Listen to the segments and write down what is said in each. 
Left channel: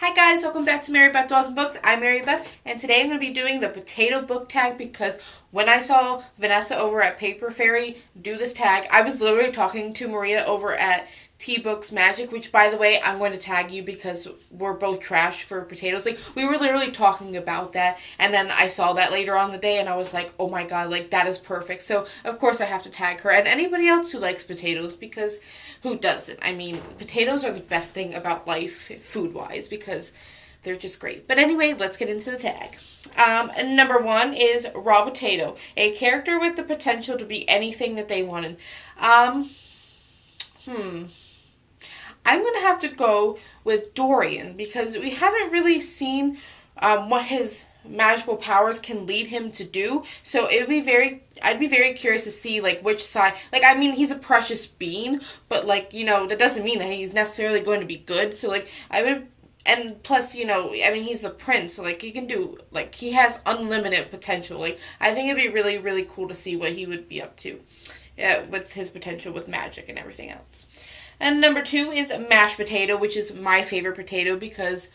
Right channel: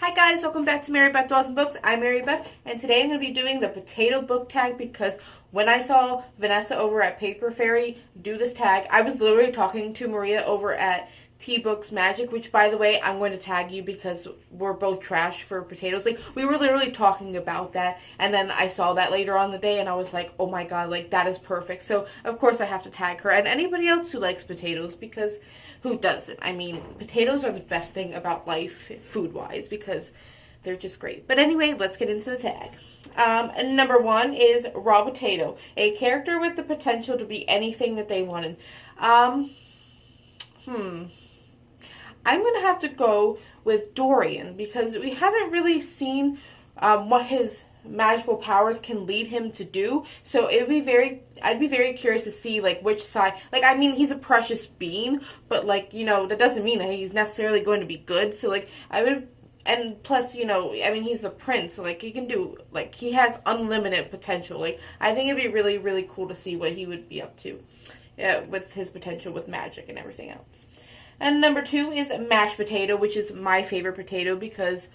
Hi guys, welcome back to Mary Beth Dolls and Books. I'm Mary Beth, and today I'm going to be doing the potato book tag because when I saw Vanessa over at Paper Fairy do this tag, I was literally talking to Maria over at T-Books Magic, which by the way, I'm going to tag you because we're both trash for potatoes. Like, we were literally talking about that, and then I saw that later on the day, and I was like, oh my god, like, that is perfect. So, of course, I have to tag her, and anybody else who likes potatoes, because who doesn't? I mean, potatoes are the best thing about life, food-wise, because they're just great. But anyway, let's get into the tag. And number one is Raw Potato, a character with the potential to be anything that they wanted. I'm going to have to go with Dorian because we haven't really seen what his magical powers can lead him to do. So I'd be very curious to see like which side. Like, I mean, he's a precious being, but like, that doesn't mean that he's necessarily going to be good. So like, and plus, I mean, he's a prince, so like he can do, like, he has unlimited potential. Like, I think it'd be really, really cool to see what he would be up to with his potential with magic and everything else. And number two is mashed potato, which is my favorite potato because,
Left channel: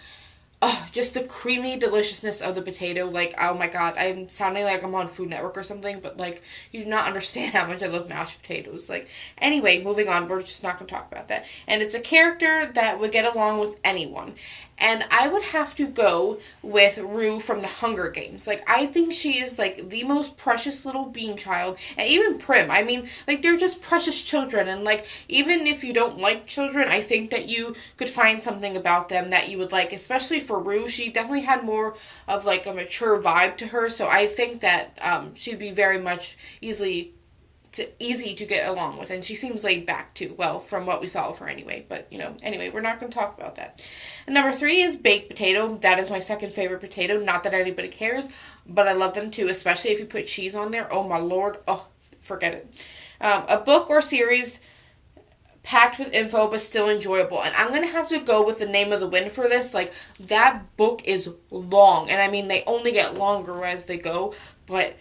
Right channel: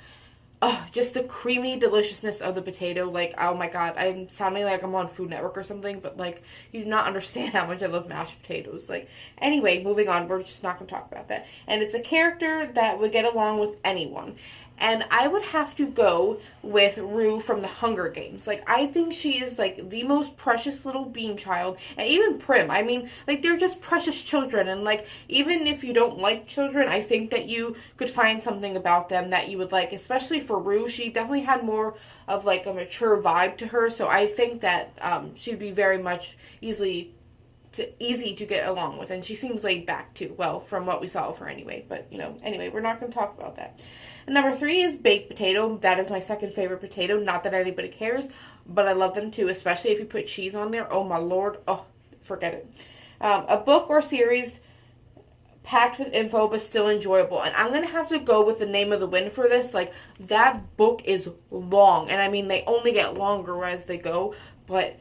oh, just the creamy deliciousness of the potato. Like, oh my god, I'm sounding like I'm on Food Network or something, but like, you do not understand how much I love mashed potatoes. Like, anyway, moving on, we're just not going to talk about that. And it's a character that would get along with anyone. And I would have to go with Rue from the Hunger Games. Like, I think she is, like, the most precious little bean child. And even Prim. I mean, like, they're just precious children. And, like, even if you don't like children, I think that you could find something about them that you would like. Especially for Rue. She definitely had more of, like, a mature vibe to her. So I think that she'd be very much easy to get along with, and she seems laid back too. Well, from what we saw of her anyway. But anyway, we're not going to talk about that. And number three is baked potato. That is my second favorite potato. Not that anybody cares, but I love them too, especially if you put cheese on there. Oh my lord! Oh, forget it. A book or series packed with info but still enjoyable. And I'm gonna have to go with the Name of the Wind for this. Like, that book is long, and I mean they only get longer as they go, but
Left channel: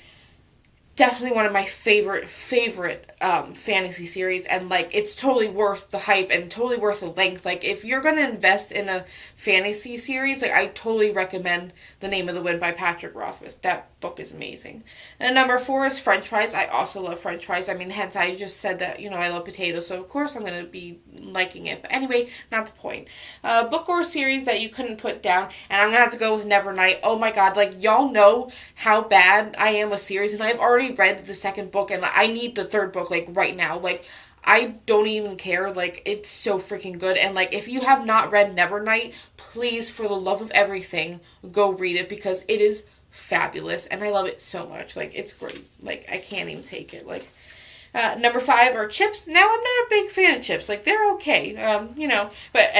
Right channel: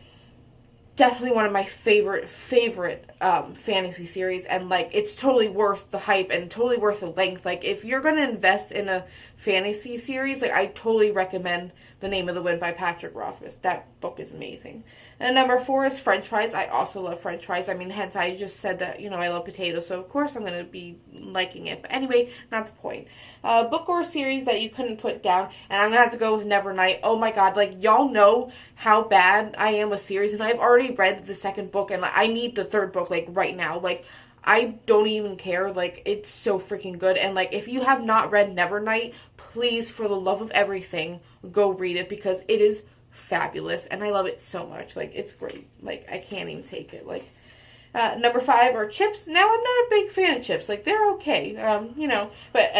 definitely one of my favorite fantasy series, and like it's totally worth the hype and totally worth the length. Like, if you're gonna invest in a fantasy series, like, I totally recommend The Name of the Wind by Patrick Rothfuss. That book is amazing. And number four is French fries. I also love French fries. I mean, hence I just said that I love potatoes, so of course I'm gonna be liking it. But anyway, not the point. Book or series that you couldn't put down, and I'm gonna have to go with Nevernight. Oh my god, like, y'all know how bad I am with series, and I've already read the second book, and I need the third book like right now. Like, I don't even care. Like, it's so freaking good. And like, if you have not read Nevernight, please, for the love of everything, go read it because it is fabulous and I love it so much. Like, it's great. Like, I can't even take it. Like, number five are chips. Now, I'm not a big fan of chips. Like, they're okay. But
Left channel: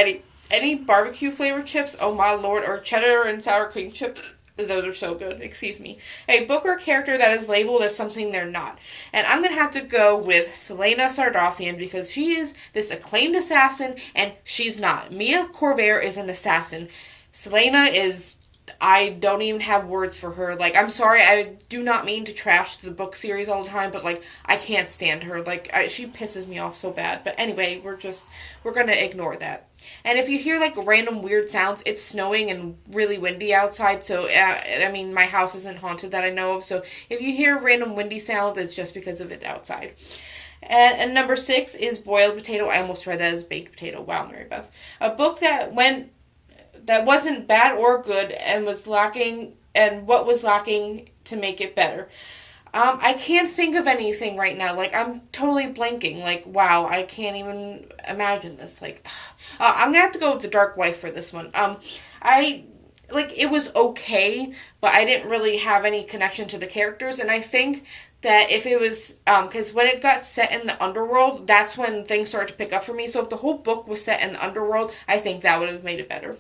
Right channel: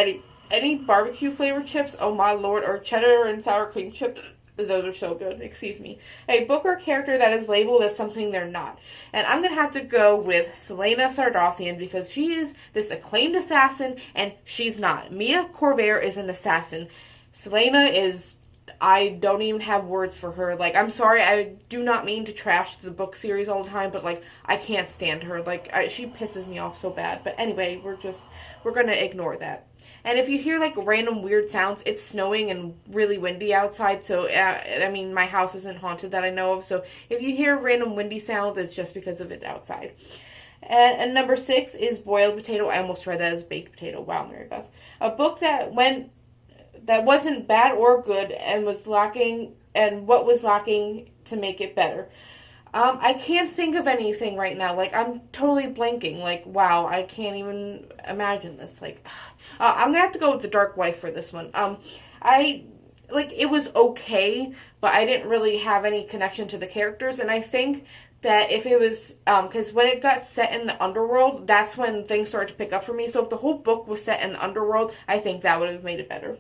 any barbecue flavored chips, oh my lord, or cheddar and sour cream chips, those are so good. Excuse me. A book or character that is labeled as something they're not. And I'm going to have to go with Celaena Sardothien because she is this acclaimed assassin and she's not. Mia Corvair is an assassin. Celaena is... I don't even have words for her. Like, I'm sorry, I do not mean to trash the book series all the time, but, like, I can't stand her. Like, she pisses me off so bad. But anyway, we're gonna ignore that. And if you hear, like, random weird sounds, it's snowing and really windy outside, so, I mean, my house isn't haunted that I know of, so if you hear random windy sounds, it's just because of it outside. And number six is Boiled Potato. I almost read that as Baked Potato. Wow, Mary Beth. A book that wasn't bad or good and was lacking, and what was lacking to make it better. I can't think of anything right now. Like, I'm totally blanking. Like, wow, I can't even imagine this. Like, I'm gonna have to go with The Dark Wife for this one. It was okay, but I didn't really have any connection to the characters, and I think that if it was, because when it got set in the underworld, that's when things started to pick up for me. So if the whole book was set in the underworld, I think that would have made it better.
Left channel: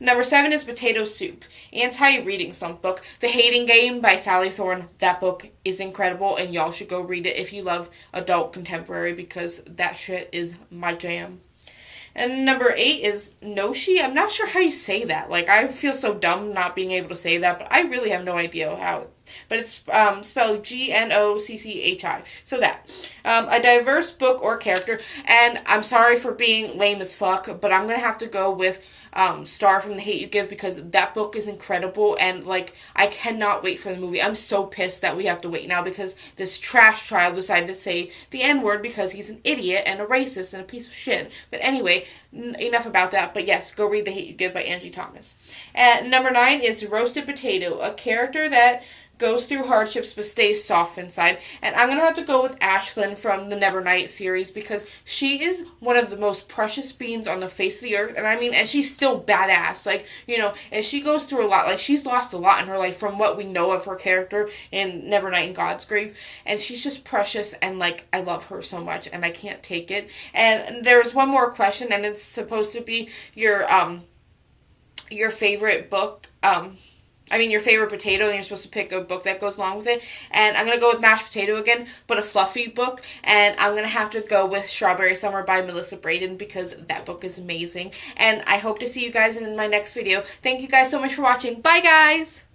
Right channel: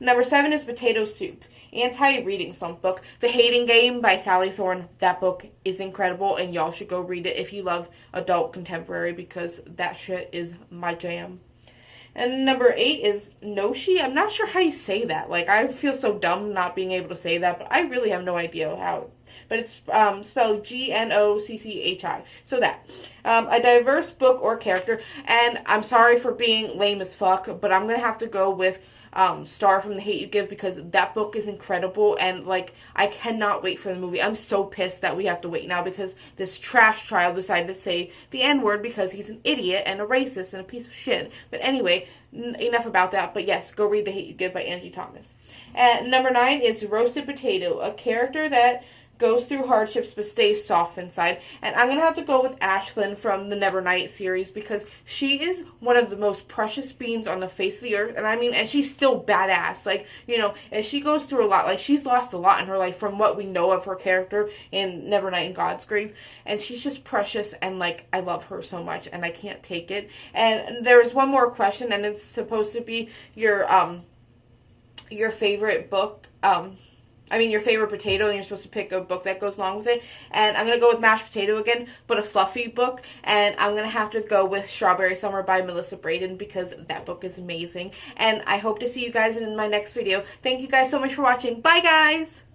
Number seven is Potato Soup, anti-reading slump book. The Hating Game by Sally Thorne. That book is incredible, and y'all should go read it if you love adult contemporary because that shit is my jam. And number eight is Noshi. I'm not sure how you say that. Like, I feel so dumb not being able to say that, but I really have no idea how but it's spelled Gnocchi. So that. A diverse book or character, and I'm sorry for being lame as fuck, but I'm gonna have to go with Star from The Hate You Give, because that book is incredible, and like I cannot wait for the movie. I'm so pissed that we have to wait now because this trash child decided to say the N-word because he's an idiot and a racist and a piece of shit. But anyway, enough about that. But yes, go read The Hate You Give by Angie Thomas. And number 9 is Roasted Potato, a character that goes through hardships but stays soft inside. And I'm going to have to go with Ashlyn from the Nevernight series, because she is one of the most precious beings on the face of the earth. And I mean, and she's still badass. Like, you know, and she goes through a lot. Like, she's lost a lot in her life from what we know of her character in Nevernight and God's Grave. And she's just precious, and like, I love her so much, and I can't take it. And there's one more question, and it's supposed to be your favorite book, your favorite potato, and you're supposed to pick a book that goes along with it. And I'm going to go with Mashed Potato again, but a fluffy book. And I'm going to have to go with Strawberry Summer by Melissa Braden, because that book is amazing. And I hope to see you guys in my next video. Thank you guys so much for watching. Bye, guys!